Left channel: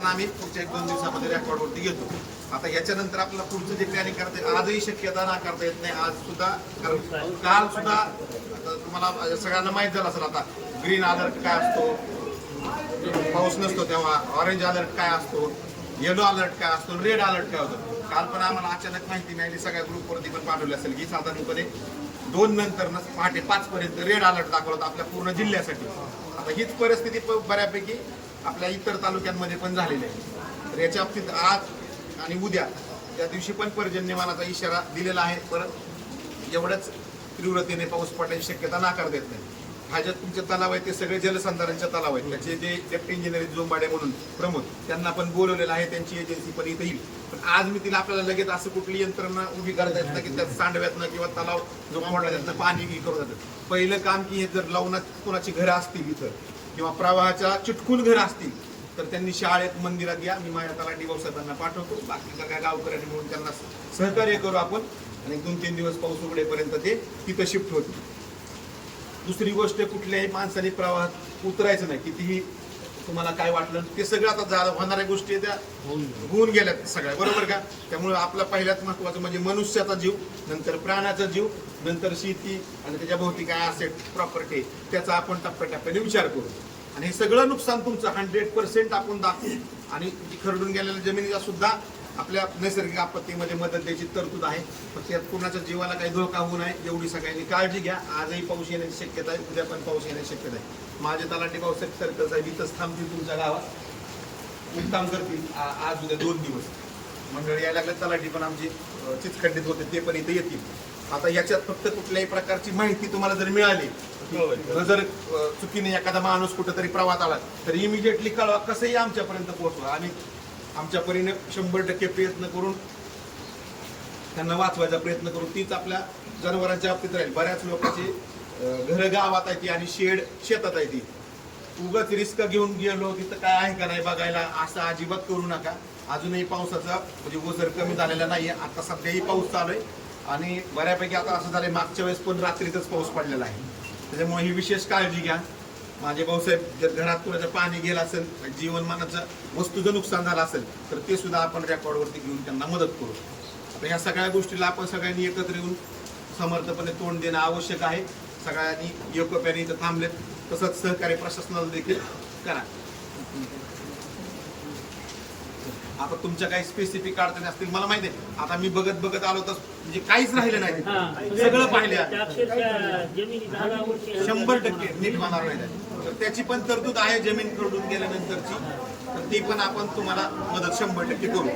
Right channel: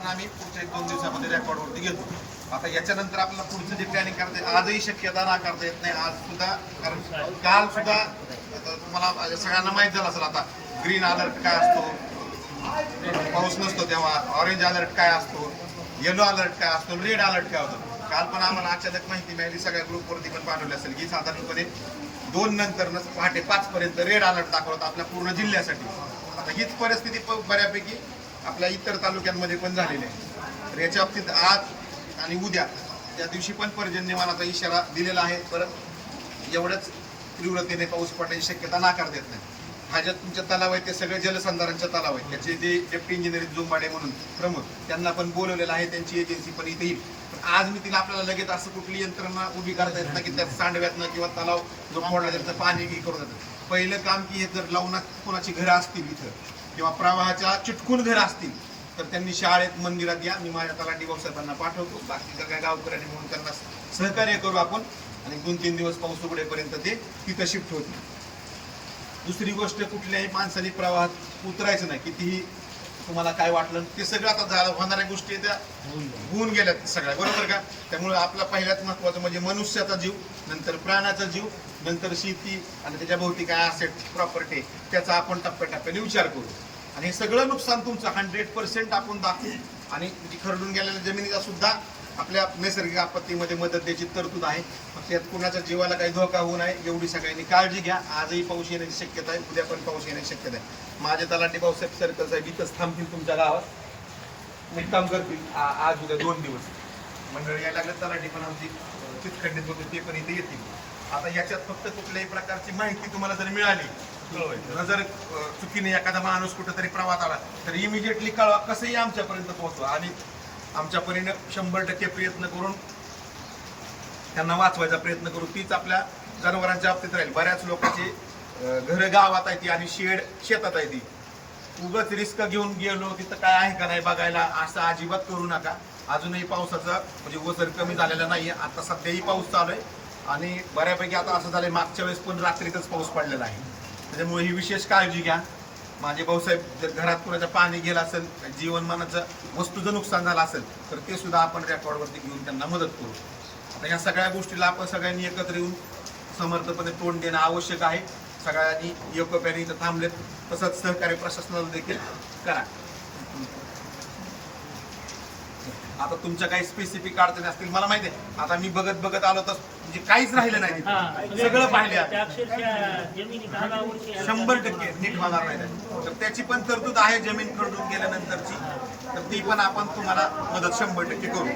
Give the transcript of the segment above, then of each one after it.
आम्ही पुढच्या एक दोन दिवसामध्ये रेकॉर्ड वरती घेतो. आता याच्यानंतर आपल्याला पुढचं जे प्लॅनिंग करता येईल आजही शक्यता ना करता येत नाही. आज सुद्धा कारण काल सुद्धा तुम्हाला सगळ्यांना माहीत झालं असेल आता ग्रीन अलर्ट काय असतो? पाऊस नसतो तेव्हा ऑरेंज अलर्ट काय असतो? येलो अलर्ट काय असतो? रेड अलर्ट काय होतं? काल पण आम्हाला अचानक माहिती मिळाली सगळ्या ग्रुपवरती पण पाठवली असेल की साधारणपणे दोन नंतर पहाटे पाच पर्यंत रेड अलर्ट दाखवला होता आपल्या पूर्ण जिल्ह्यासाठी. आता हीच परिस्थिती बऱ्यापैकी आपल्या इतर तालुक्यांमध्ये पण झालेले आहे. तर याच्या बाबतीत आज आणि उद्या या दिवशी पण पर्जन्यमानाचा इशारा दिलेला आहे. परत एवढ्याच तीव्रतेने पाऊस पडण्याची शक्यता नाकार देत नाही. हा ज्या तुमच्या तलाव आहे ते सगळे जलसंधारणच्या तलाव आहेत. त्याचे जे डेप्टी इंजिनियर जोंबाडे म्हणून प्रमुख त्यांना पण बोलवलेलं आहे. त्यांची एजन्सी पण इथे येईल. पण आज मी तिला आपल्याला लगेच असं कुठली यंत्रणा उभी करता येत नाही की त्यात सांडव्यातनं किंवा तलाव जो मोडला त्यातनं पाणी की करून जातं. पहिलं काम की हे जर लवणात कोणाची घरं असतील इथं किंवा प्रवाहाच्या चिटकून घरं असतील तर त्यांनी शाळेत मंदिरात या. मी माझ्या तलाठी भाऊसाहेबांना पाठवतो. बाकी काय गावकऱ्यांनी मिळून त्यांना सहकार्य करू आपण. आणि दोन तीन दिवस पाऊस उघडेपर्यंत ते तिथं शिफ्ट होतील. दुसरी गोष्ट कुठल्याही माणसाने प्रवाहात उतरायचं नाही. कितीही तुम्हाला काय वाटलं ते सगळं आता झालं होणाऱ्या गोष्टी आहेत त्या होऊन गेल्यात सगळ्या. बरोबर का? त्यामुळे आपला पहिल्यात महत्वाचं म्हणजे मनुष्याचा जीव नंतर प्राण्याचा जीव नंतर शेती आणि त्याच्या भोवती काय असेट प्रॉपर्टी त्याचा आपण टप्प्याटप्प्याने विचार करू. आणि हे सगळं नुकसान तुमचं हंड्रेड पर्सेंट आपण दाखवू. आणि खरडून गेलेल्या जमिनीचा सुद्धा आपल्या नैसर्गिक आपत्तीमध्ये मदत द्यायची तरतूद आहे. फक्त यात कुणाच्या जीवाला काही धोका होऊ नये एवढी सगळ्यांनी काळजी घ्या. आजही पाऊस येण्याची शक्यता आहे उद्या पण पाऊस येण्याची शक्यता आहे. माझे तलाठी भाऊसाहेब सर्कल साहेब इथंच थांबतील तुमच्या गावात. मुक्काम करतील. आज उद्या दोन दिवस. मंडळ यायला लागल्या तलाठी पण आमची चितखंडित होते ते पण इथे येतील. आता याच्यात फक्त कुठल्याही प्रकारची माहिती तुम्हाला जर मिळाली जर चुकीने एखादा माणूस कुठेतरी प्रवास आला तर इमिजिएटली कळवा कसंही आमच्यापर्यंत पोहोचवा. आणि आमच्या परीने शंभर टक्के प्रयत्न करून त्यांना वाचवायचा प्रयत्न करू तीच आपल्या जनावरांच्या बाबतीत राहील. बऱ्याच लोकांची घर गावात आहे ती आणि शेड शेतात आहे ती. उगच रिस्क घेऊन गेलो तिथं काय आहे का नाही बघायला असं अजिबात करू नका. अजूनही पावसाचा म्हणजे ओझर कमी झालेला नाही आता सध्याही पाऊस चालू आहे. आणि बऱ्यापैकी आता असं झालं मागच्या वेळेस पण रात्रीतच पाऊस पडलेला आहे. त्याच्यामुळे ही विशेष काळजी घ्या. माझे भाऊसाहेब जर घरात कुणाचं पाणी गेलं असेल जीवनमानाचं वस्तूचं नुकसान झालं असेल तर ते सुद्धा आपण रेकॉर्डवरती घेऊन त्यांना मदत करू. आता ह्या सगळ्या गोष्टीला आपण सगळ्यांनी एकत्र येऊन समर्थपणे तोंड देणं आवश्यक आहे. सगळ्यांनी एकोप्याने इथं थांबलेत. तसंच सहकार्य प्रशासनाला देखील करा. आता तुमच्या काही स्पेसिफिक अडचणी असतील मला माहिती आहे. आता मी बघत बघत आलो तर म्हणजे काहीच राहिलं नाही. तिथं. सगळं पाहिले शंभर टक्के नीट होणार नाही. तर त्याची पण तरतूद आहे जमीन खरडून गेल्यानंतरची. तर ती पण आपण तुम्हाला मदत शंभर टक्के करू.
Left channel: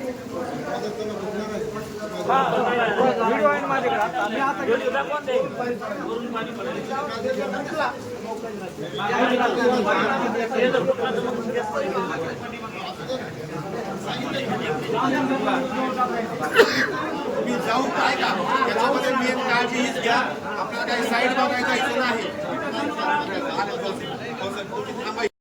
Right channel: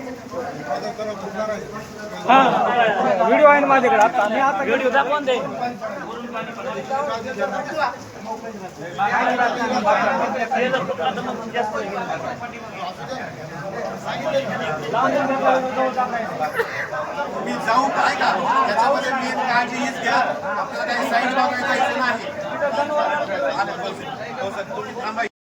मी जाऊ तुम्ही काय का त्याच्यामध्ये मेन काळजी हीच घ्या. आपल्याला काही साईड बघायचा इथं नाही. तुम्ही